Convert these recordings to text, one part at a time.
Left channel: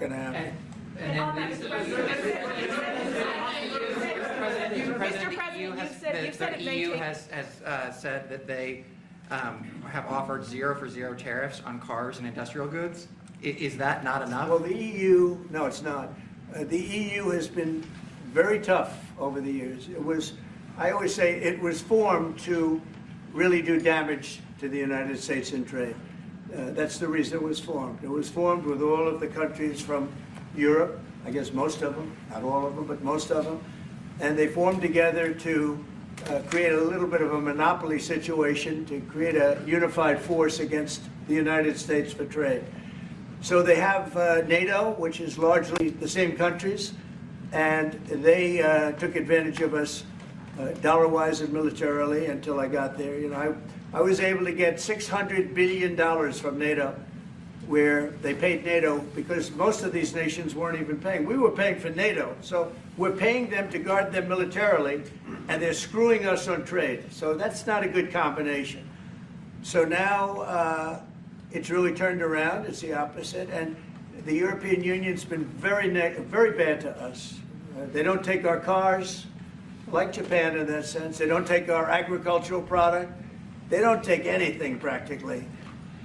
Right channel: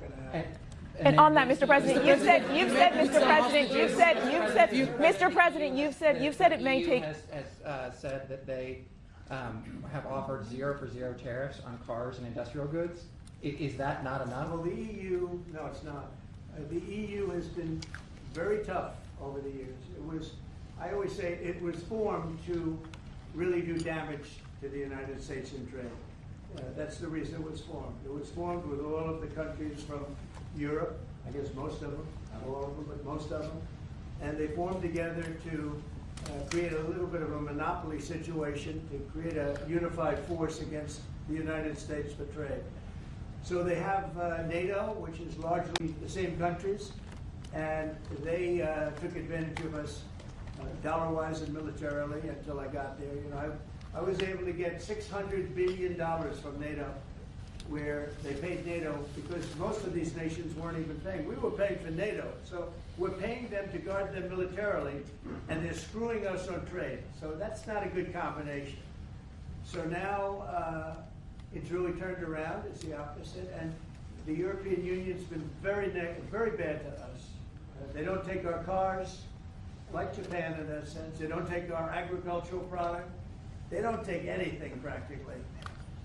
going to happen. And on that, Mr. President, you've said, Mr. President, you've said it may EU take. has said that they have offered 0 for 0 tariffs on cars and industrial goods. Is that not enough? Well, the EU, no, it's not. The EU has been very tough over the years. It was, I always say, it was formed to really do damage to the United States in trade. That's the reason it was formed. It was formed with all of the countries from Europe, I guess most of them, not all of them, but most of them. And they formed together to create a little bit of a monopoly situation, to create a unified force against the United States for trade. So they have NATO, which is largely the same countries, and they took advantage of us dollar-wise and militarily until I got there. You know, I was able to get $600 billion from NATO, where they paid NATO because most of these nations weren't even paying. We were paying for NATO, so we're paying them to guard them militarily, and they're screwing us on trade. So that's not a good combination. So now it's really turned around. It's the opposite, and the European Union's been very bad to us. They don't take our cars, like Japan in that sense. They don't take our agricultural product. They don't take anything practically.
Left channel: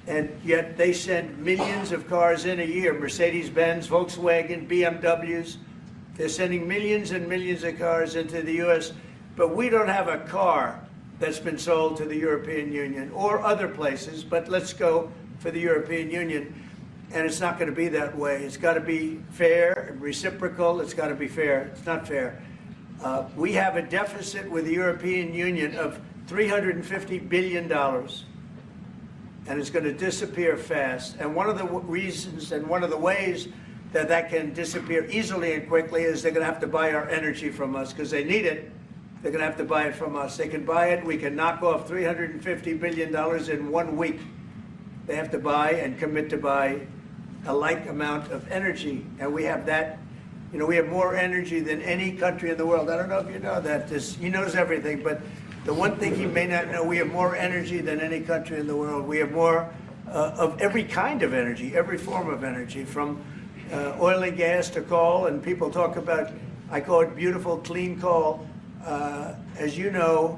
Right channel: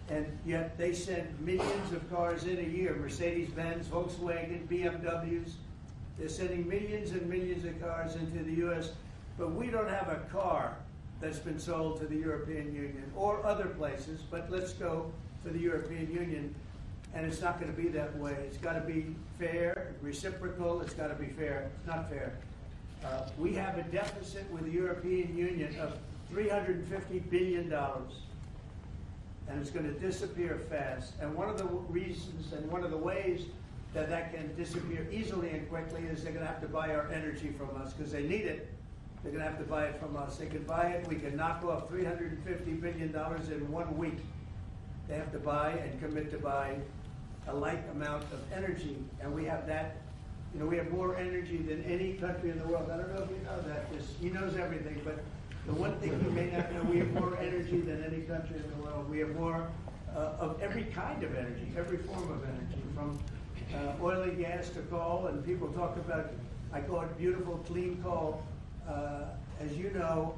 And yet they send millions of cars in a year, Mercedes-Benz, Volkswagen, BMWs. They're sending millions and millions of cars into the US, but we don't have a car that's been sold to the European Union or other places, but let's go for the European Union. And it's not going to be that way. It's got to be fair and reciprocal. It's got to be fair. It's not fair. We have a deficit with the European Union of $350 billion. And it's going to disappear fast. And one of the reasons and one of the ways that that can disappear easily and quickly is they're going to have to buy our energy from us because they need it. They're going to have to buy it from us. They can buy it. We can knock off $350 billion in 1 week. They have to buy and commit to buy a like amount of energy. And we have that. You know, we have more energy than any country in the world. I don't know if you know that. He knows everything, but the one thing he may not know, we have more energy than any country in the world. We have more of every kind of energy, every form of energy, from oil and gas to coal. And people talk about, I call it beautiful, clean coal. As you know,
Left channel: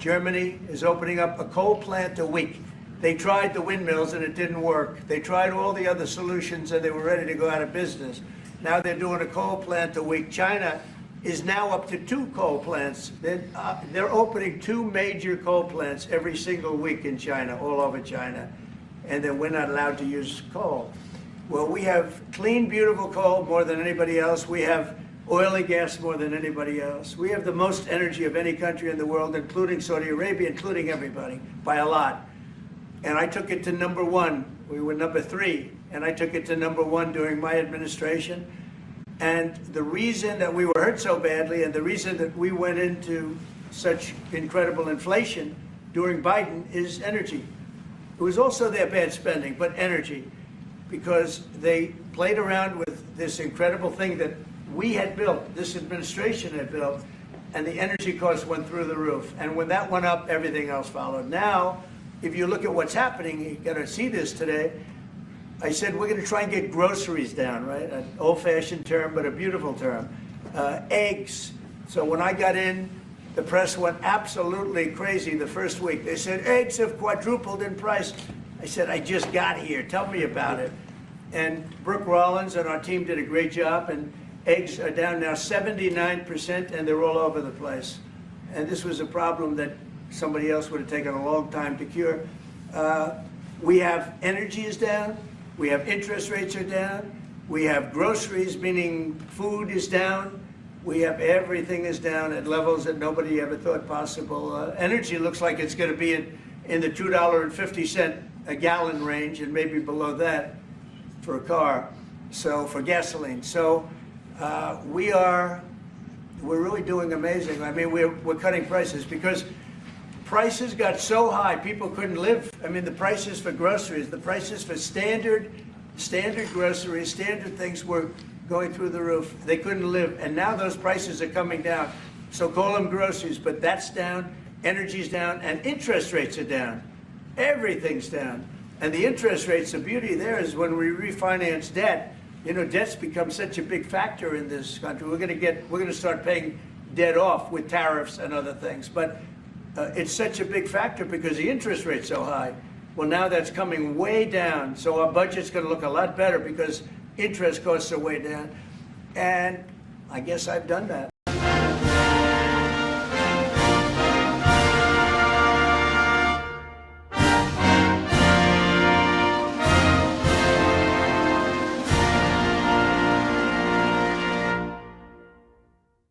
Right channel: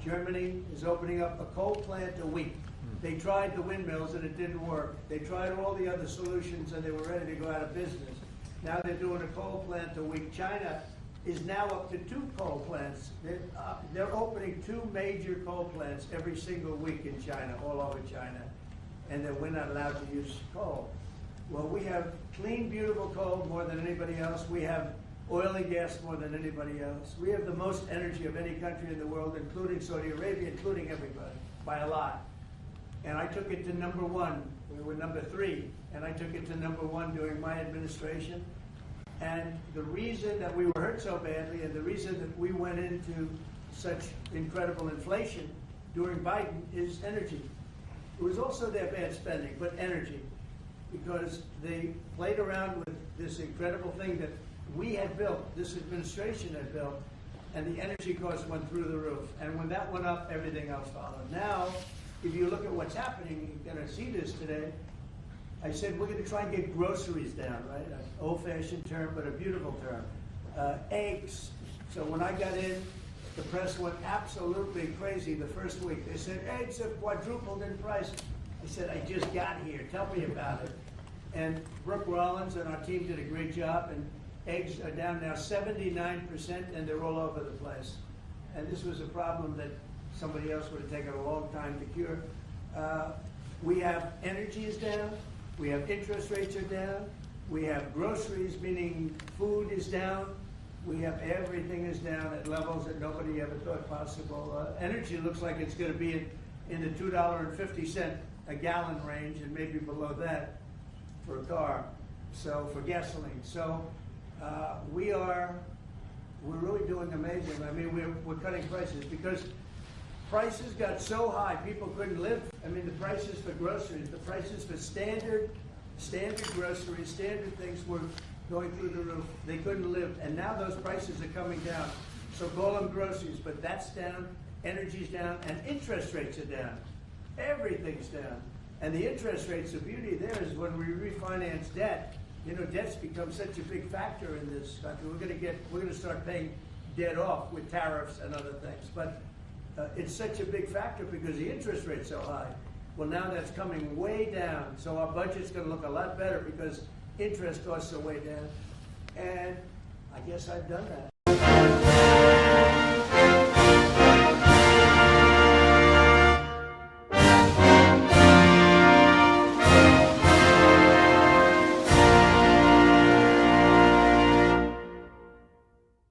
Germany is opening up a coal plant a week. They tried the windmills and it didn't work. They tried all the other solutions and they were ready to go out of business. Now they're doing a coal plant a week. China is now up to 2 coal plants. They're opening 2 major coal plants every single week in China, all over China. And then we're not allowed to use coal. Well, we have clean, beautiful coal more than anybody else. We have oil and gas more than anybody else. We have the most energy of any country in the world, including Saudi Arabia, including everybody, by a lot. And I took it to #1. We were #3, and I took it to #1 during my administration. And the reason that we were hurt so badly and the reason that we went into such incredible inflation during Biden is energy. It was also their bad spending, but energy, because they played around with this incredible thing that we had built, this administration had built, and the energy costs went through the roof. And when that went up, everything else followed. Now, if you look at what's happening, you got to see this today. I said we're going to try and get groceries down, right? An old-fashioned term, but a beautiful term. Eggs. So when I got in, the press went absolutely crazy the first week. They said, eggs have quadrupled in price. I said, I just got here. Tell me about it. And Brooke Rollins and our team did a great job, and eggs are down now 79%, and they're all over the place. And this was a problem that somebody else would have taken a long time to cure. We have energy is down. We have interest rates are down. We have groceries, meaning food is down. We have everything is down at levels that nobody ever thought possible. Energy looks like it's going to be in the $2.50 a gallon range and maybe below that for a car, so for gasoline. So we're really doing amazing. I mean, we're cutting prices because prices got so high, people couldn't live. I mean, the prices for groceries, the prices for standard groceries, standard things were going through the roof. They couldn't live, and now those prices are coming down. So call them groceries, but that's down, energy's down, and interest rates are down. Everything's down. And the interest rates, the beauty there is when we refinance debt, You know, debt's become such a big factor in this country. We're gonna start paying debt off with tariffs and other things. But it's such a big factor because the interest rate's so high. Well, now that's coming way down. So our budget's gonna look a lot better because interest costs are way down. And I guess I've done that.